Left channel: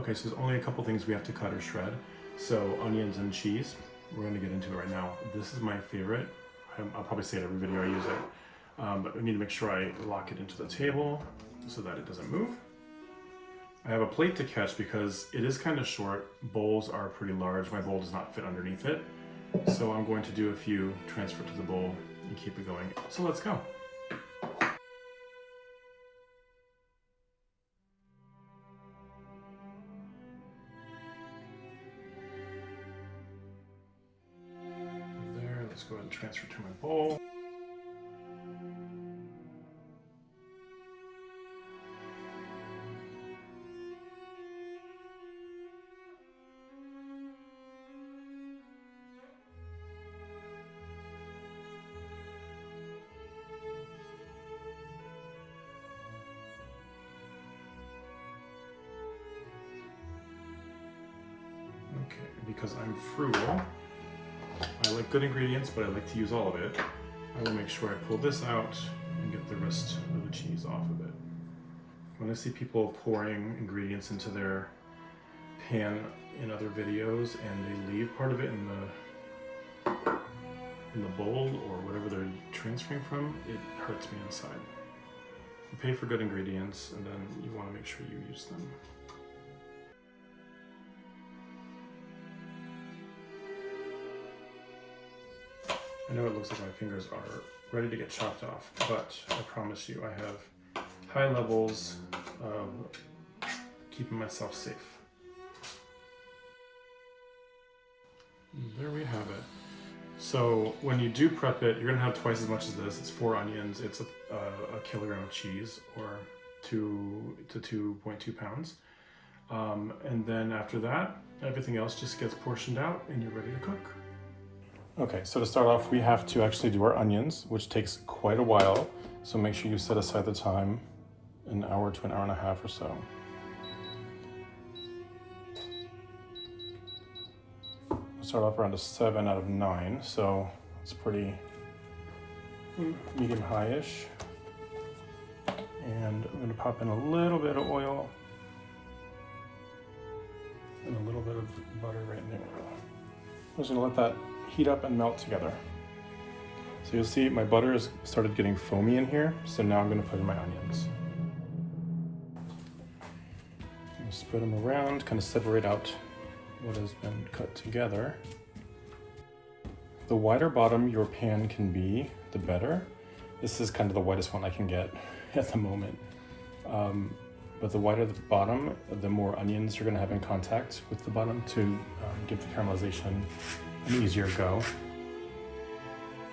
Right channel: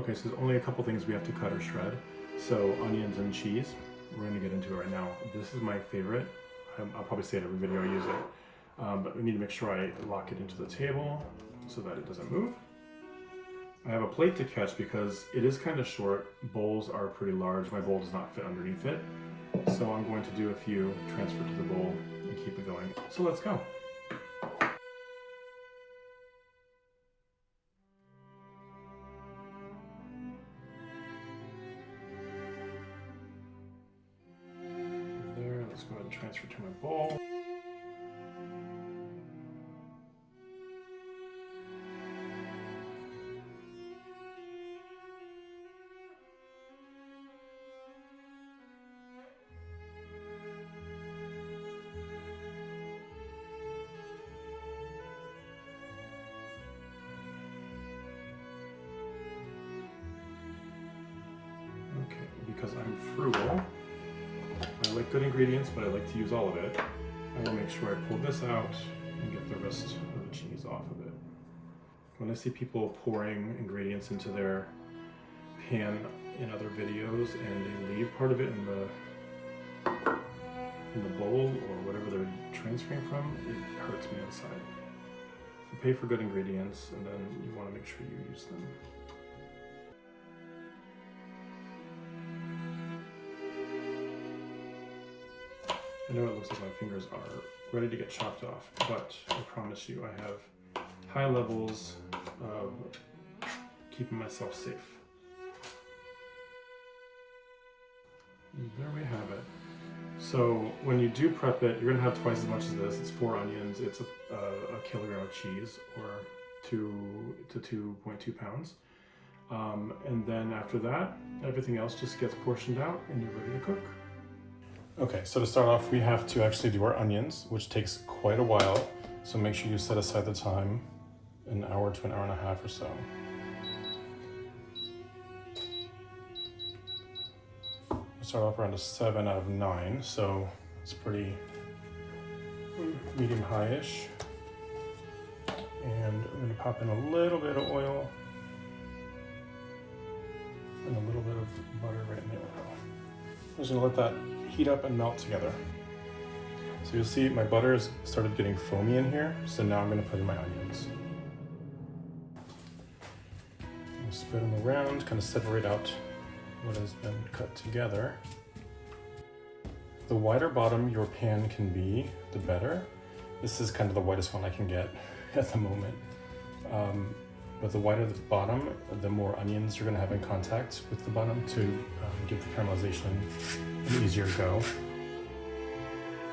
Okay, so there's only a couple things we have to cut or shred. So onions and cheese, we're gonna get into it right now. This is my favorite. I'll probably say it every video I use it. But we need to make sure I lock it into the table so that it doesn't move. I have a plate to catch because it is kind of short. Bowls are pretty large. My bowl does not fit underneath it. So I'm going to do a few, transfer to the bowl, and keep it going. So let's go. There, let's go ahead and transfer to my bowl. Okay, because I'm frugal, I like good ingredients, but I like to use all of it. I will make sure I pull this out and get the rest of the cheese off of it. When I see people pouring ingredients into their pan in other videos and they leave part of it in the bowl or whatever they're transferring from, it hurts me inside. You pay for good ingredients and then you want to make sure you use them. I know it looks like my fingers are ready to get chopped off, but I promise you I have high levels of keeping myself safe. There we have it. So when you do prep it, you're gonna have twice as much as this. It's 4 onions, it's a kilogram of cheese, or 2 to 2.2 pounds. And then after that, everything else just gets portioned out and you're ready to cook. Okay, so to start off, we have to actually do our onions, which takes quite a while. So make sure you set aside the time, an hour to an hour and a half or so. I'll start off around a 7 out of 9, so it's pretty medium high-ish. And I'm gonna pop in a little bit of oil and a little bit of butter right in the oil. I'm just gonna let that heat up and melt together. So you'll see my butter has started getting foamy in here, so now I'm going to put in my onions. I'm going to spread them around, kind of separate out what has been cut together. The wider bottom your pan can be, the better. This is kind of the widest one I can get at the moment. But the wider the bottom, the more onions you're going to have in contact with the bottom to give the caramelization an easier go.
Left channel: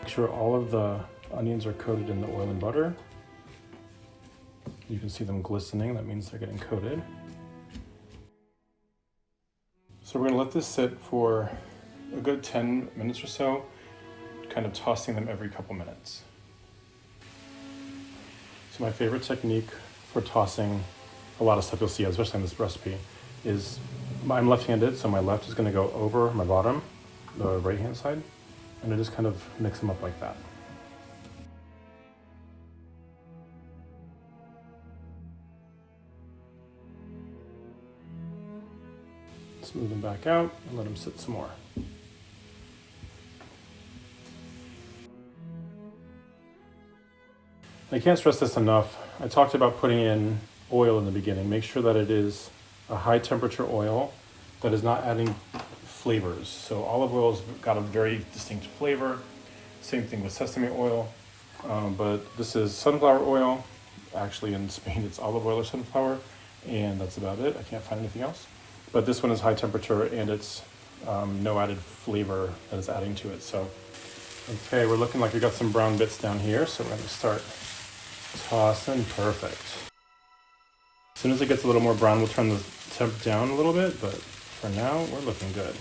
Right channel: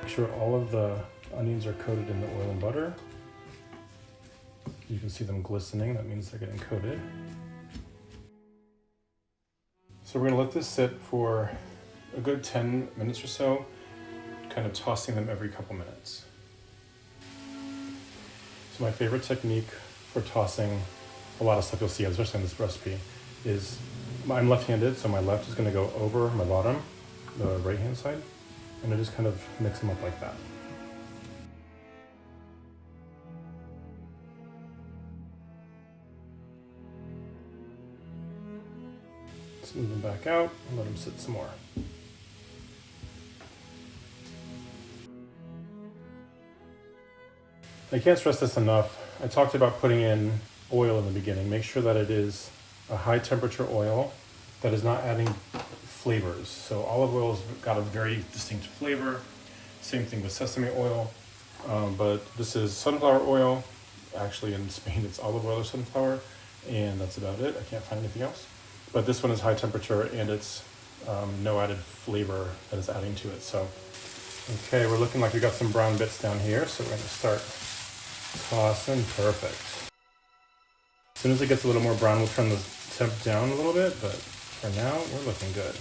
Make sure all of the onions are coated in the oil and butter. You can see them glistening, that means they're getting coated. So we're going to let this sit for a good 10 minutes or so, kind of tossing them every couple minutes. So my favorite technique for tossing a lot of stuff you'll see, especially in this recipe, is I'm left-handed, so my left is going to go over my bottom, the right-hand side, and I just kind of mix them up like that. Smooth them back out and let them sit some more. I can't stress this enough. I talked about putting in oil in the beginning. Make sure that it is a high temperature oil that is not adding flavors. So olive oil's got a very distinct flavor. Same thing with sesame oil, but this is sunflower oil. Actually in Spain it's olive oil or sunflower, and that's about it. I can't find anything else. But this one is high temperature and it's no added flavor that is adding to it. So, okay, we're looking like we got some brown bits down here, so we're gonna start tossing. Perfect. As soon as it gets a little more brown, we'll turn the temp down a little bit, but for now, we're looking good.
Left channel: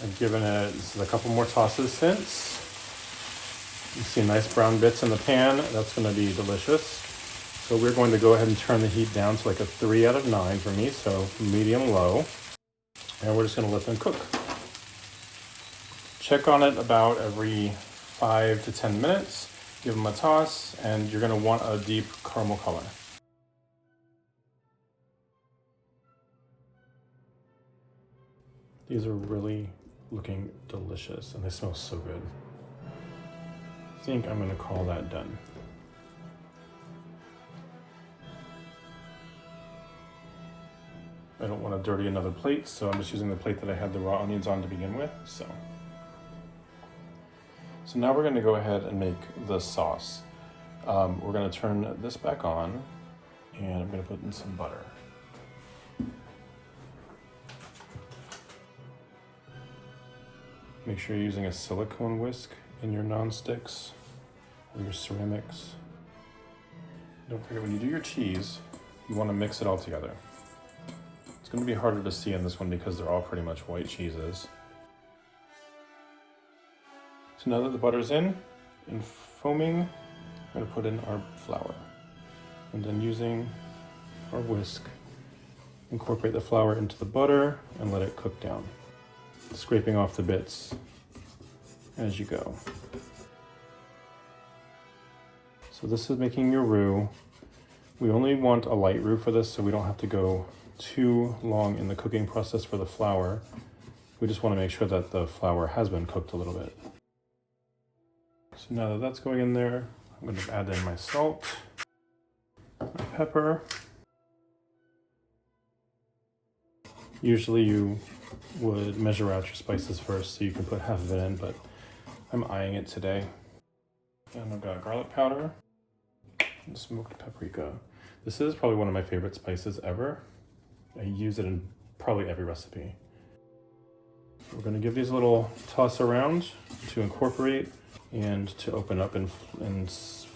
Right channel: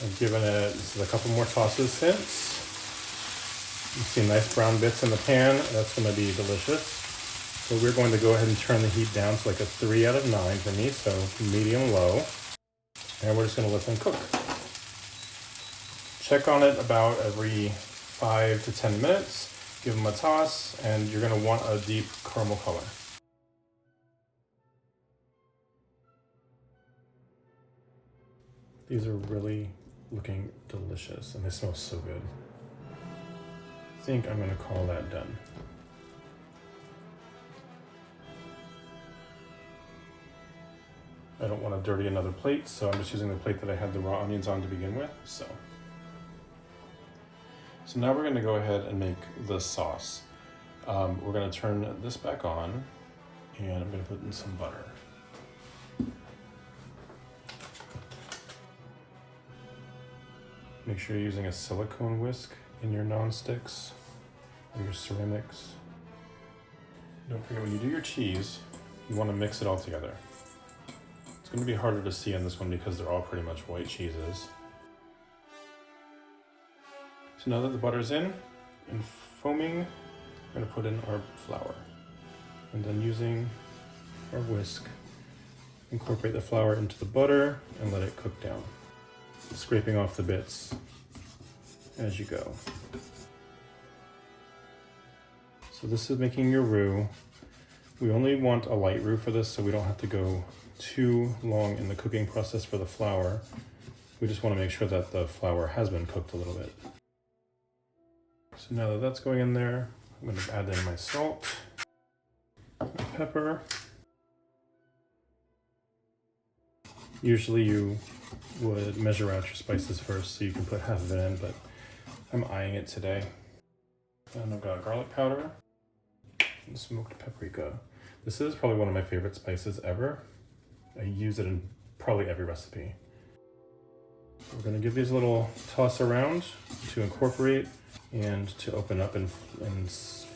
I've given it a couple more tosses since. You see nice brown bits in the pan. That's going to be delicious. So we're going to go ahead and turn the heat down to like a 3 out of 9 for me, so medium low. And we're just going to let them cook. Check on it about every 5 to 10 minutes. Give them a toss, and you're going to want a deep caramel color. These are really looking delicious and they smell so good. I think I'm gonna call that done. I don't want to dirty another plate, so I'm just using the plate that I had the raw onions on to begin with. So now we're gonna go ahead and make the sauce. We're gonna turn this back on and I'm gonna put in some butter. Make sure you're using a silicone whisk in your non-sticks or your ceramics. Don't forget, when you do your cheese, you want to mix it all together. It's going to be harder to see in this one because they're all pretty much white cheeses. So now that the butter's in and foaming, we're going to put in our flour. And then using our whisk, incorporate the flour into the butter and let it cook down, scraping off the bits as you go. So this is making your roux. We only want a light roux for this, so we don't have to go too long in the cooking process for the flour. We just want to make sure that the flour has been cooked a little bit. So now that that's going in there, I'm going to add in my salt, my pepper. Usually you would measure out your spices first so you can put half of it in, but I'm eyeing it today. And I've got garlic powder and smoked paprika. This is probably one of my favorite spices ever. I use it in probably every recipe. We're gonna give these a little toss around to incorporate and to open up in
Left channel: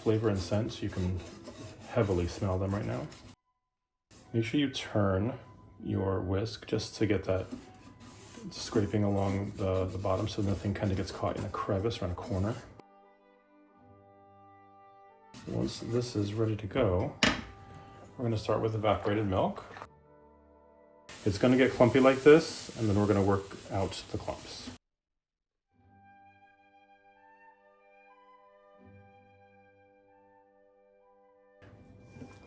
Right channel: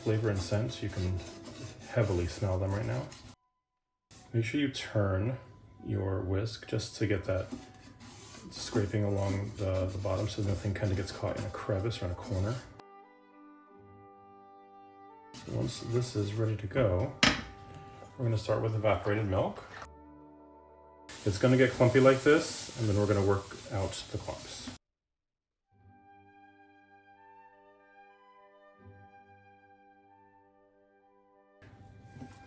flavor and scent. You can heavily smell them right now. Make sure you turn your whisk just to get that scraping along the bottom so nothing kind of gets caught in a crevice or in a corner. Once this is ready to go, we're going to start with evaporated milk. It's going to get clumpy like this, and then we're going to work out the clumps.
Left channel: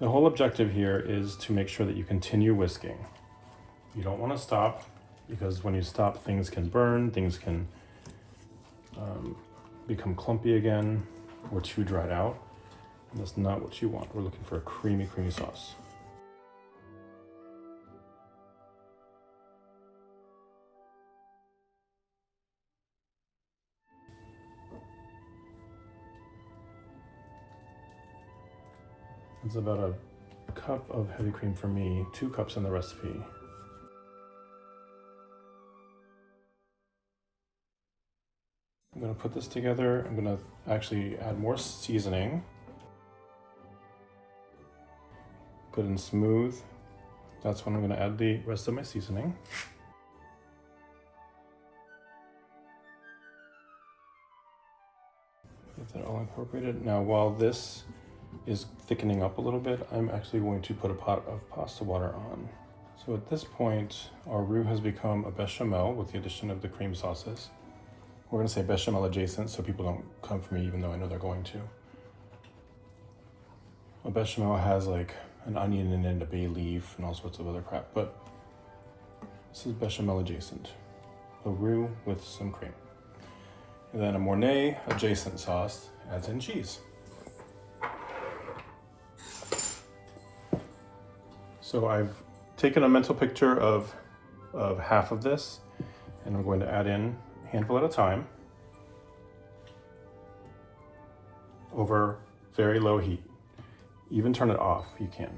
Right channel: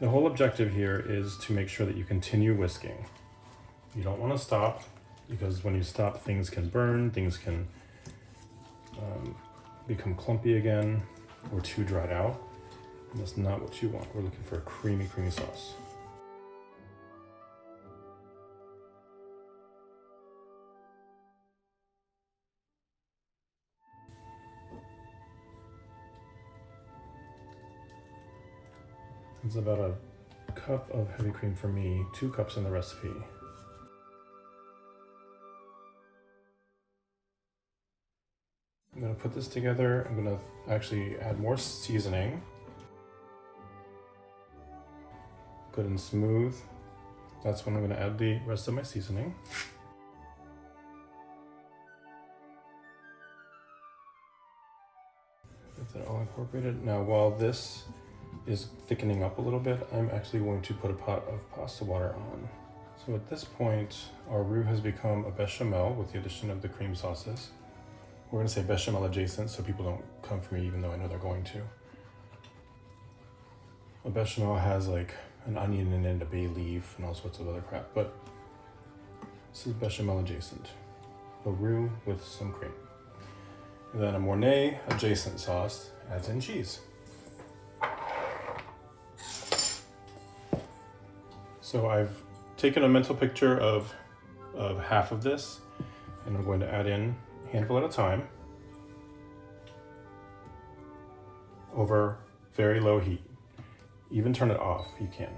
The whole objective here is to make sure that you continue whisking. You don't want to stop, because when you stop, things can burn, things can become clumpy again or too dried out. And that's not what you want. We're looking for a creamy, creamy sauce. It's about a cup of heavy cream for me, 2 cups in the recipe. I'm gonna put this together. I'm gonna actually add more seasoning. Good and smooth. That's when I'm gonna add the rest of my seasoning. Get that all incorporated. Now, while this is thickening up a little bit, I'm actually going to put a pot of pasta water on. So at this point, our roux has become a bechamel with the addition of the cream sauces. We're gonna say bechamel adjacent so people don't come for me even though I know they're going to. A bechamel has like an onion in it, a bay leaf, and all sorts of other crap, but this is bechamel adjacent. A roux with some cream. And then a Mornay adjacent sauce adds in cheese. So I've taken a mental picture of half of this, and I'm going to add in a handful at a time over very low heat. Even turn it off, you can.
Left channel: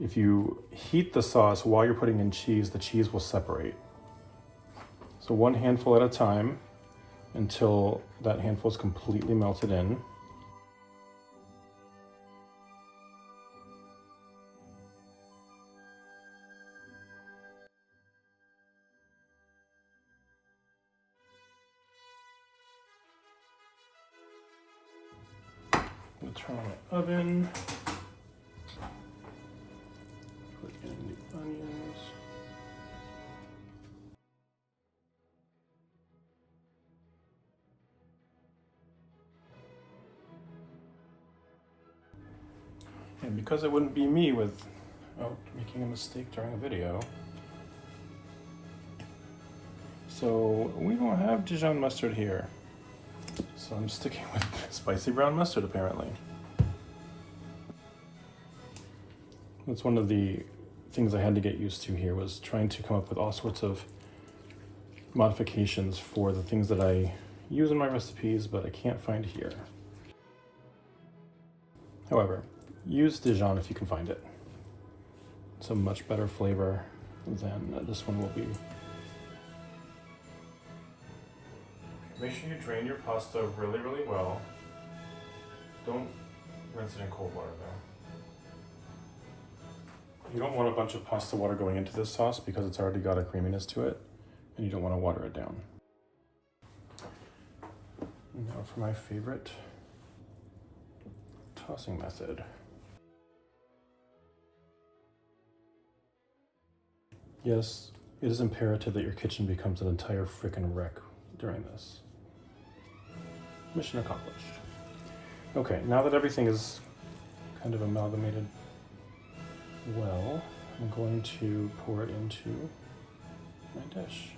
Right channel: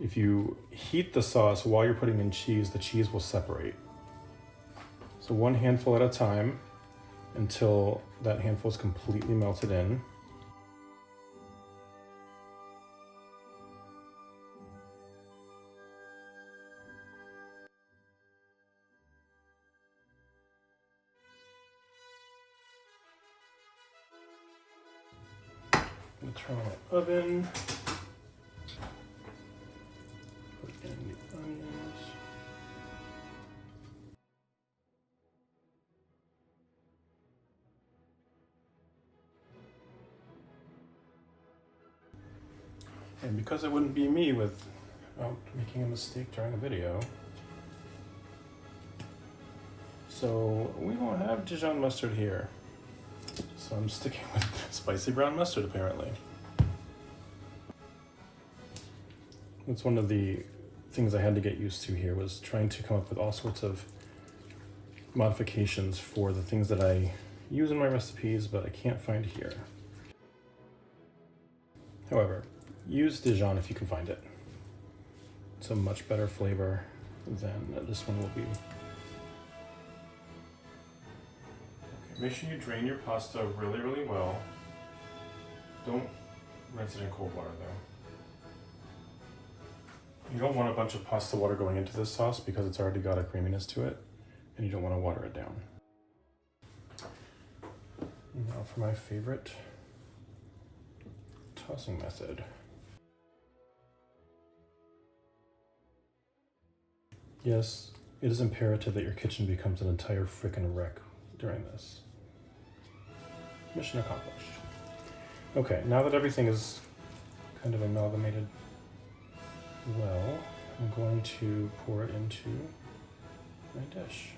If you heat the sauce while you're putting in cheese, the cheese will separate. So 1 handful at a time until that handful is completely melted in. Turn on the oven. Put in the onions. And because it wouldn't be me with about making a mistake during a video. So we won't have Dijon mustard here. So I'm sticking with spicy brown mustard apparently. That's one of the things I had to get used to here, was trying to come up with all sorts of modifications for the things that I use in my recipes, but I can't find here. However, use Dijon if you can find it. It's a much better flavor than this one will be. Okay, make sure you drain your pasta really, really well. Don't rinse it in cold water though. You don't want a bunch of pasta water going into this sauce because it's already got a creaminess to it, and you don't want to water it down. And now for my favorite tossing method. Yes, it is imperative that your kitchen becomes an entire frickin' wreck during this. Mission accomplished. Okay, now that everything is kind of amalgamated well, I'm going to pour it into my dish.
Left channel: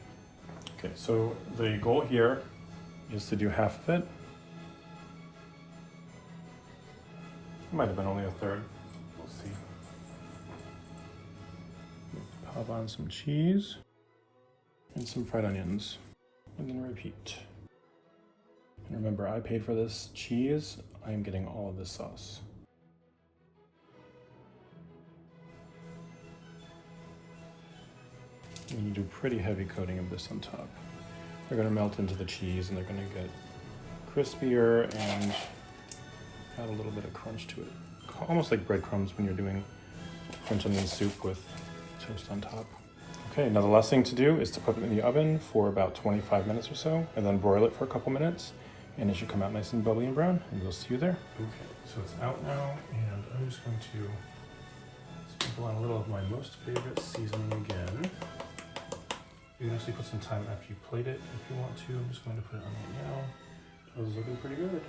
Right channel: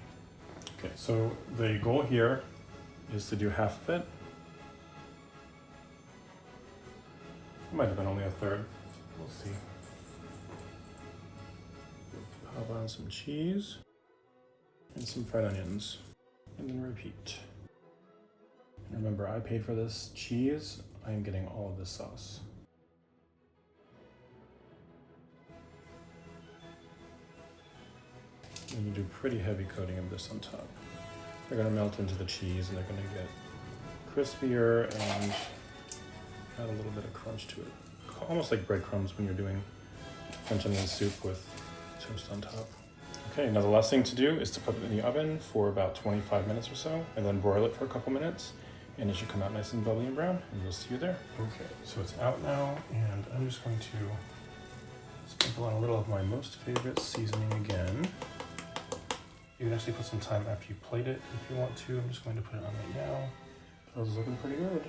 Okay, so the goal here is to do half of it. Might have been only a third. We'll see. Pop on some cheese and some fried onions, and then repeat. And remember, I paid for this cheese. I am getting all of this sauce. And you do pretty heavy coating of this on top. They're going to melt into the cheese and they're going to get crispier and add a little bit of crunch to it. Almost like breadcrumbs when you're doing French onion soup with toast on top. Okay, now the last thing to do is to put it in the oven for about 25 minutes or so, and then broil it for a couple minutes, and it should come out nice and bubbly and brown, and we'll see you there. Okay, so it's out now, and I'm just going to sprinkle on a little of my most favorite seasoning again. You can actually put some time after you plate it if you want to. I'm just going to put it on right now. This is looking pretty good.